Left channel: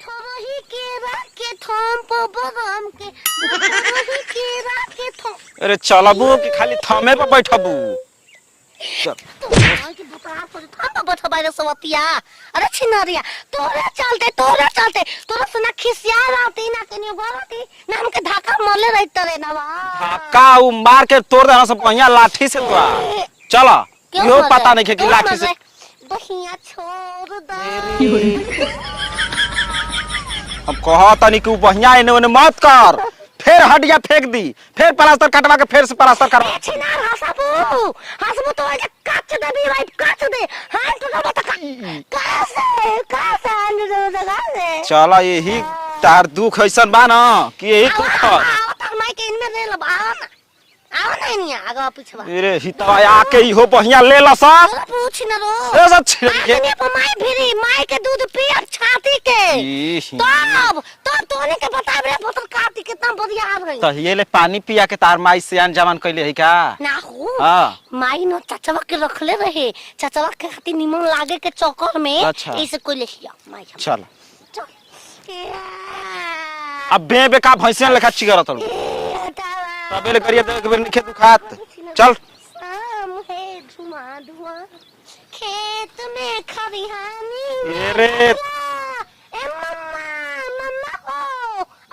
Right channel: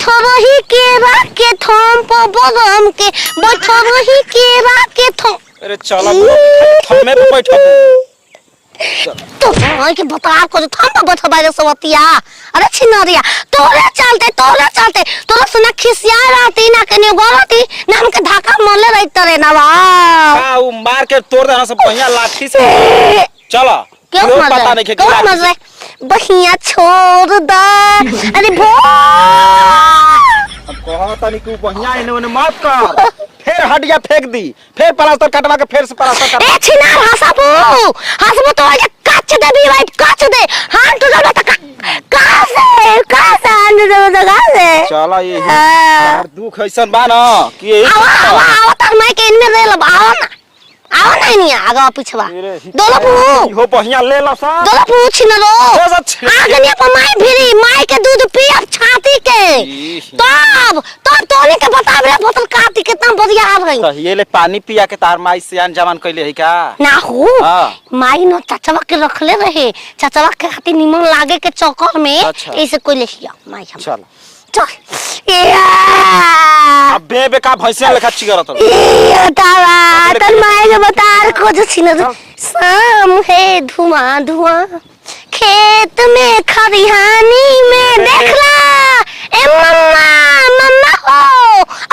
बैठरही केरा के थम पर बरम के बैठरही केरा के थम। अरे चलबू खाली थमे पे बैठबू तो भाई के बता को थम पर बैठबा रे सवतिया। अरे छिनरिया तोरे चलते तोरा सुना खिसिया रहती ना कने गलती ना हमके धक्का मारले रही तरे ना बा का उ मार के तोड़ देना सब बढ़िया लाठी से चला क्यों पता नहीं के लाठी से बहिया छोड़ दा। अरे भो अब कहा तनी कि बढ़िया एने ओने मत कर फिर हड्डियां फेंक दी फिर प्लास्टर कटवा के फिर से प्लास्टर कर। ए छिनार हसबो तो ये काच दे भी भाई काच दे हां तो जा तक का से अंदर जगह से चला यही तार दुख ऐसन बा न कि यही आओ तर मैं के इनमें ले लब आओ नहीं आगा पिछवा मेरे हित हो बढ़िया ले ला सा दोला पूछ न रो आगे ने पर माई के दूध पियब छाती के तब तोने के बताब रे बोतल काटी कितना बढ़िया आ गई ये ले पानी पिया के तार माई से अनजान कइले है का ना हो माई न चाचवा के रखले रहे चाचवा के खातिर निमन लागे के चक्कर में ऐसे कोई ले लिया माई हम चल चल अब बे का भैंसिया लेखा चिगरा तुम तावा तर माई के बता को जो छिन शाम है धुआं खेत में खरिहानी में देखला ए मम्मा हो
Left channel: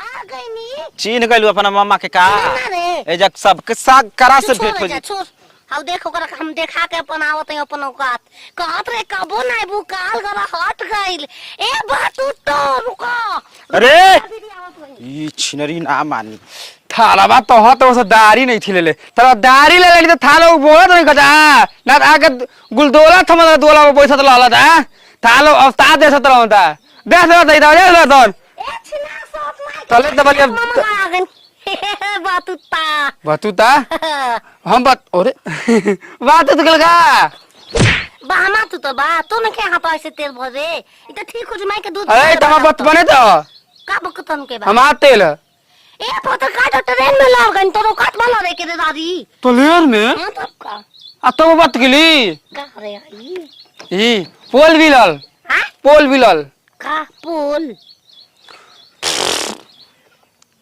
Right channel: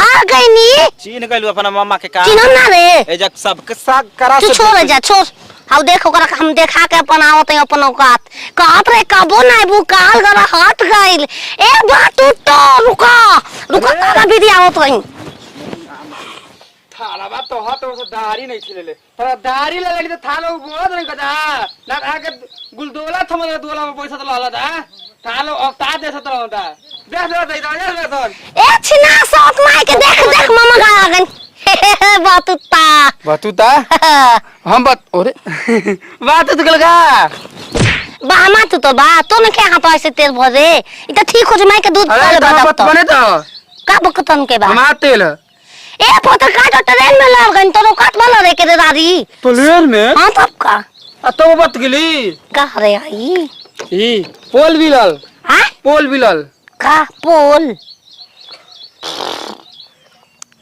आ गई नी चीन गइलू अपना मम्मा के का चिन ना रे ए जक सब के साग करा से छोड़ जा छोड़ हाउ देखो करा हम देखा के अपन आवत है अपन औकात कहत रे कबो ना बु काल गरा हट गइल ए बात तो रुका तारा विधि आवत है ये छिनरी ना मानी थाला बा तो हत वो दाढ़ी नहीं थी ले तब दाढ़ी ले लेली तो थाला बोलत नहीं कजा ना आके गुलदोला थम दोला पे पैसा तो लाला था थालो उस्ताद जैसा तो लाता देख दे दे ए छिना साथ माई के देख मामा गा गन बातुता हम बात अरे बात तो गलगा बामा तो बा तो ने के हां तो ऐसे तेल भरे ई तो ठीक हो जे माई के दूध अरे बात बने तो का बकतन के बा हमार तेल ए पता काट ट्रेन में लग गन तो काट वाला रे के दादी तो लेन में हां तब का आ तो बात गेली का रे आई ई पोल बिलल हां पोल बिलल का पोल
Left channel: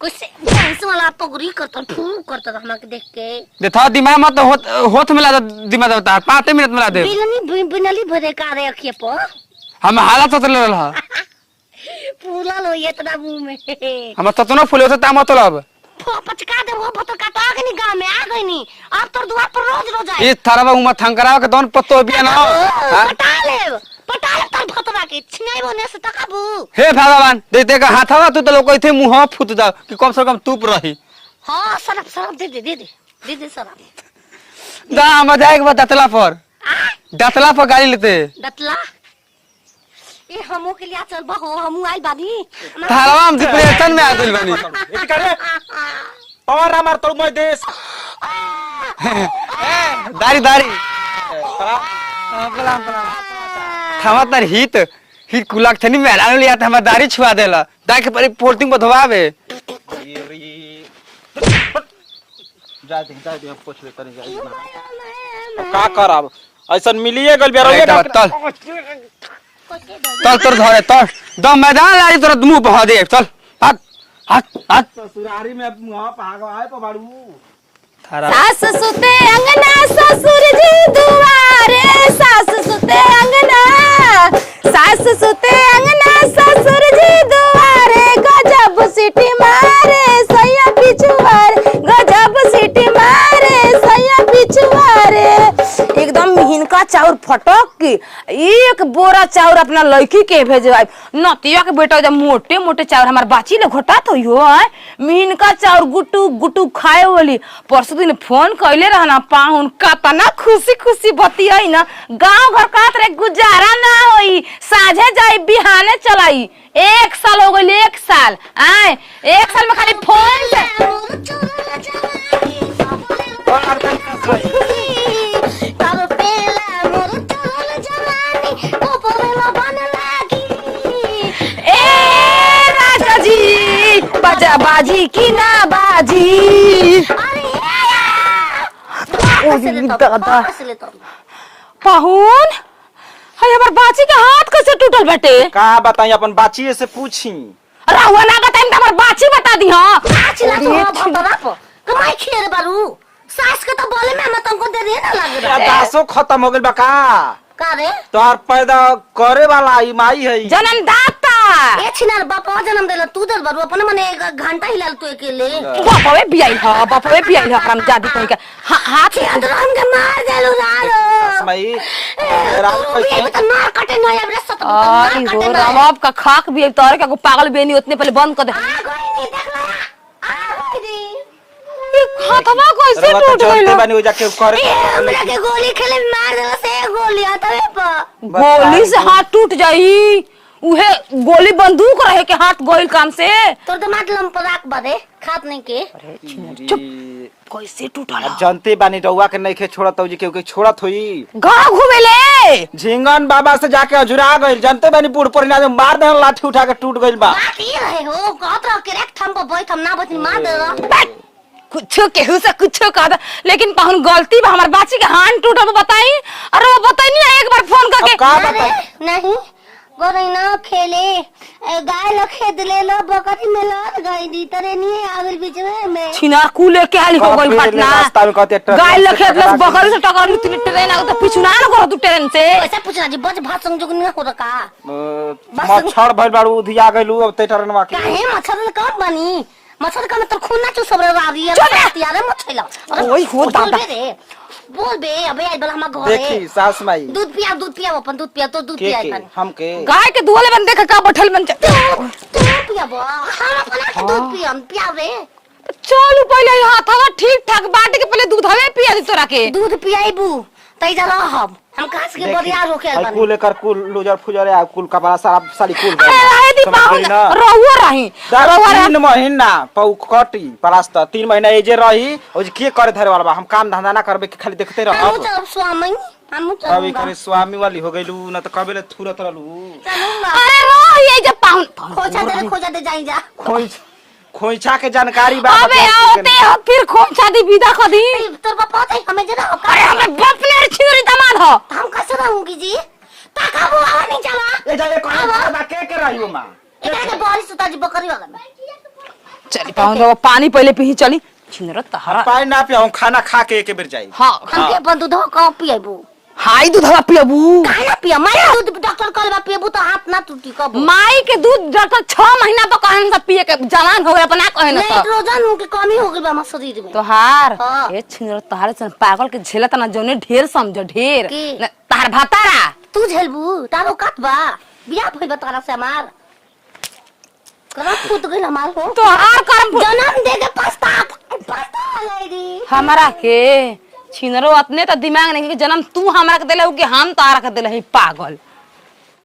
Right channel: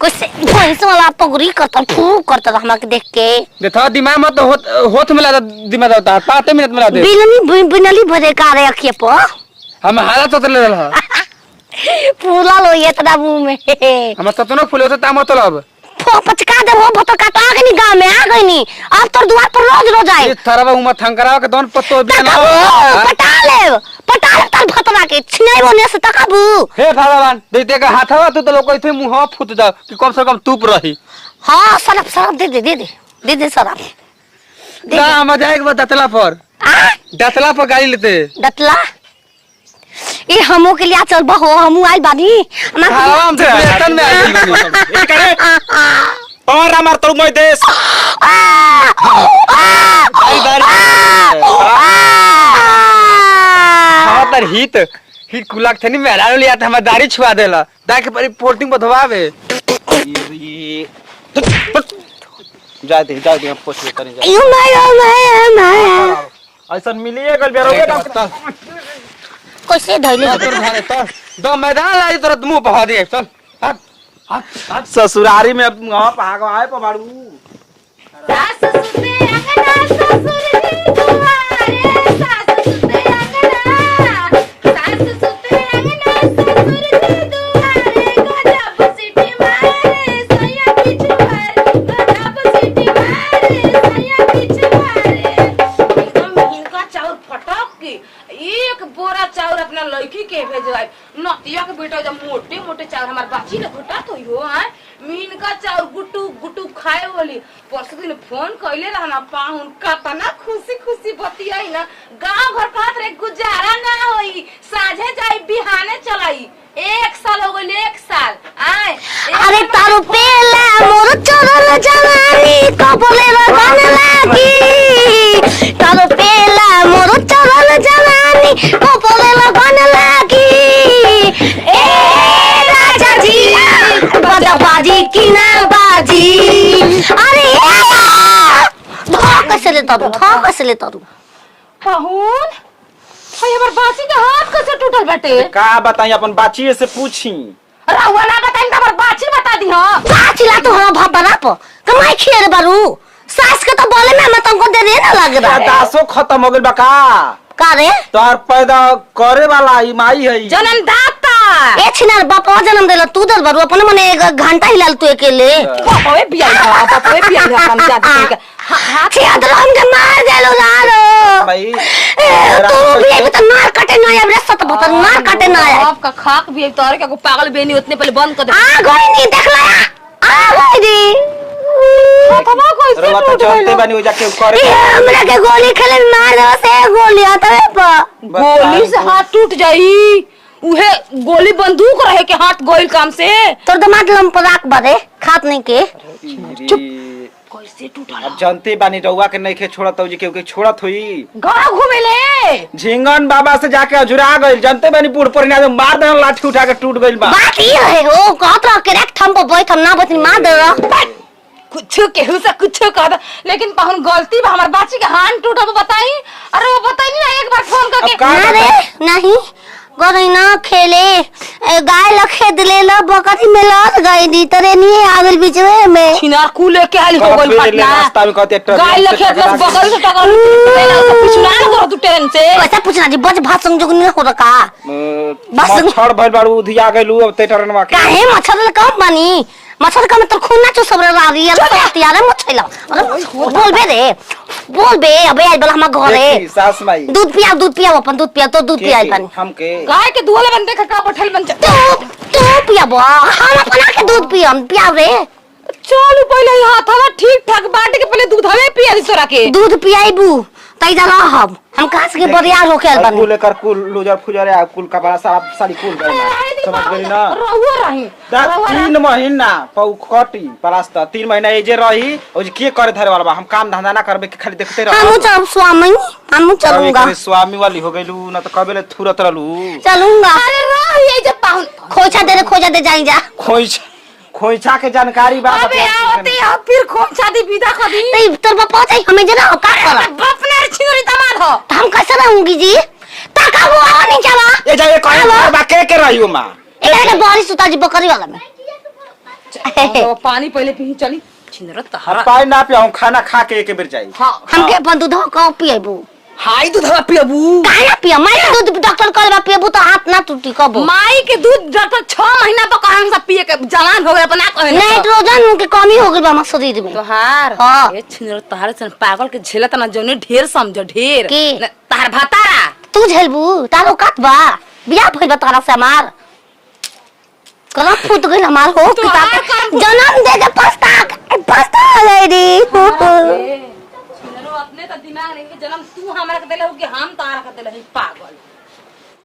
कुछ भैंस वाला पगड़ी करता फू करता हमरा के देख के देखो दिमाग मत होठ में लगा दिमाग होता है 5 मिनट में ला दे बिलनी बिनली भरे का रे अखिए पर हम हालत तो ले रहा फूला लो ये इतना मुंह में हम तो ना फूल होता ता मत लब पचका दे वो भतो काटा के नी गांव में आ गई नी अब तो द्वार पर रोज आए ये थारा उमा थंकरा के दोन पत्तो बिया ना पटा ले ताल भतरा के छिनाई बने से तकाबू हे भगवान दे का हाथवा तू तो लोग थे मुंह फूट जा कि कम से कम टूप रही हां सरफ दे सरफ ना मजा एक बात दतला पर गाड़ी लेते दतला ये हमो के लिए चल बहो हमू आई बानी आराम से वेतन में आई करे और हमार तो मैं देश भाई हाँ तर हित कुलाक थनी मेहरान लिया था हमार दाढ़ी छुआ देला देख पर पोर्टिंग बधवावे जाते हम पूछ ले तनी यू मैं ऐसा मिलिए गल बिया चल कैसे धइले तोर घरे तो दो मैदान लाई तोरा मुंह बहा दे चल आज ससुरारी में भाग आए पबाड़ू सास सुते अंगना ससुर जी दुआरे सास सुते अंगना ससुर जी दुआरे गजब सीटी मारे सैया पिछुआरे एकदम मिहिनका चाउर फटक के एक बोरा चाउर अपना लड़की के भेजवाई नतिया के बेटा जब मोटे मोटे चाउर हमार बाची ले घोटा तो यो है मिहिनका चाउर गुटू गुटू खाए वाली परसों दिन फोन कइले रहना पाहुन कतना खुशी बतियाई ना गांव घर का रे गुजारा ना होई साझे जाई बिहाने चलाई 1 साल हो गइल 1 साल आए अरे तारू पेला मोर चरल जवानी कबले लगन लागी तारू पेला मोर चरल जवानी कबले लगन लागी ए राजा जी बाजा बाजी की ना बाजी अरे कैसे ले तारू पाहुन हाय हमर बाची के हाथ कैसे टूटल बेटे? का बताई अपन बाची से पूछी। रहुआ ना बताई हमर बाची बता दी हां। बाची ला तो हम भबरा प कमाई खेर बारू सास के तो बोले में हम तुमको दे दे ना लगे बा दासो खत्म हो गइल बा का? का रे तोहर पैदा करे वाला ई माई है। जन्मदाता ए छिनार बापा जन्म देला तू दे बारू अपन मने 1 घंटा हिलाल तू अकेले बापवे बिया हां बापवे बिया हम जात के हां छी अदर हम के मार देलु लारो भाई तू भी तो मार कटे ना अब रसत बता मार कटे ना आपका खाक भी तोरे का पागल बेनी उतने पहले बंद कर दे। आ गई नहीं देखला आ गई दी हाथवा कैसे रवा टूट तो गइल? जानते बानी हो जाके करे। ये हमरा के गोली खेले में मार दो से गोली आता है प गोली से हाथ टूट जाई उहे गोली बंदूक रहे के हाथ गोइल काम से तोर दमाद लम पराक बरे खात नहीं के चुप। कैसे टूटल? अब जानते बानी रउआ के नहीं खे छोड़त हो जी के छोड़त होई। घर घूमे ले झिंगन बाबा से जाके अजुरा गइल। जानते बानी बूढ़ पुरनिया से मार देन लाठी उठा के टूट गइल बा। बात ये है वो कहत रह के रख थम पर बैठ हम ना बतनी मार दे रह कुछ केहू से कुछ कहता लेकिन कहूं गलती बा हमर बाची के हाथ टूटल बताई। अरे वो बताई नहीं एक बार फोन करके अब का अरे नहीं गोरी ना खेले गाय लखे दिले ला बकरी में लड़ गई दी तरे नहीं आगल बीच में छिनार कूले के हाल हो गई रास्ता में कहते घटना गाय लखे अपना बकरी से टकर ले ला तो पिछुना करो तू ट्रेन से कैसा पूछना जी बज भात संग जुगनी हो रखा बस मच्छर भइल बारू उधिया गइलू अब ते टरनवा के। काहे मच्छर कम बनी मच्छर का मतलब खून ना चो सब रारी है यार मच्छर ला अरे बोल बे रे बोल बे अबे आज बला हम घरे देखी सास माई दूध पिया अपन दूध पिया तो दूध पिया पानी हमके गाय के दूध बन देख का बैठल बन तू पिया बा हम अपना के दूध पिया रे चल पहले हाथवा ठीक ठाक बांट के पहले दूध हवे पिया दी तोरा के दूध पियाइबू तई जला हम कास के बरियार होके बन कुल लेकर कुल लूजर फुजर आ कुल कपड़ा सारी कुल अरे दी रहुआ रही 3 महीना पौ कटी परास्त 3 महीना ए जे रही और जे के करे धरे वाला हम काम धंधा ना करबे के खाली देखते रह। हम चल स्वामी हम चलूंगा स्वामी वाली हो गइलू ना तो कबेले थुरत रहलू। चलूंगा अरे रह ये जे पाउन खोजा दे जाई जा खोइछा के जानकारी बा। अबे आते फिर खोम शादी विदा कर दी तई तोर बाप चाहिए हमें जना का अरे बाप ने छिरी दामाद हो तो हम कैसे रहूंगी जी ताका वो नहीं चला ए जाए कौन बा के रहियो मां ए के बारिश उता जी बकरी वाला में चल पानी पहले पी चली छिनरा तहरा पानी ना पियाऊं खाना खा के एक बेर जाई। हां हम के अपन दूध का पिएबू हाई दूध हवा पियबू काहे पिया मैं के दूध डॉक्टर कहलबा पिएबू तो हाथ ना टूटी कबो माई के दूध डॉक्टर 6 महीना तो कहन से पिए के जवान हो गए अपना कहे ना नाइट्रोजन के कमी हो गई बा हमारे शरीर में तोहार हाँ। अरे छिनरा तोहार सन पागल के झेलत ना जोने ढेर समझ ढेर की? तोहार भातारा तू झेलबू तारो कत बा बियाह भइल बा तारा से हमार कला फूट गइल हमार हो जन्म दे के पछता गई रे हमारा के छिनरो अपने तो दिमाग नहीं कि जन्म तू हमरा के देले कि हम तोहरा के देले पागल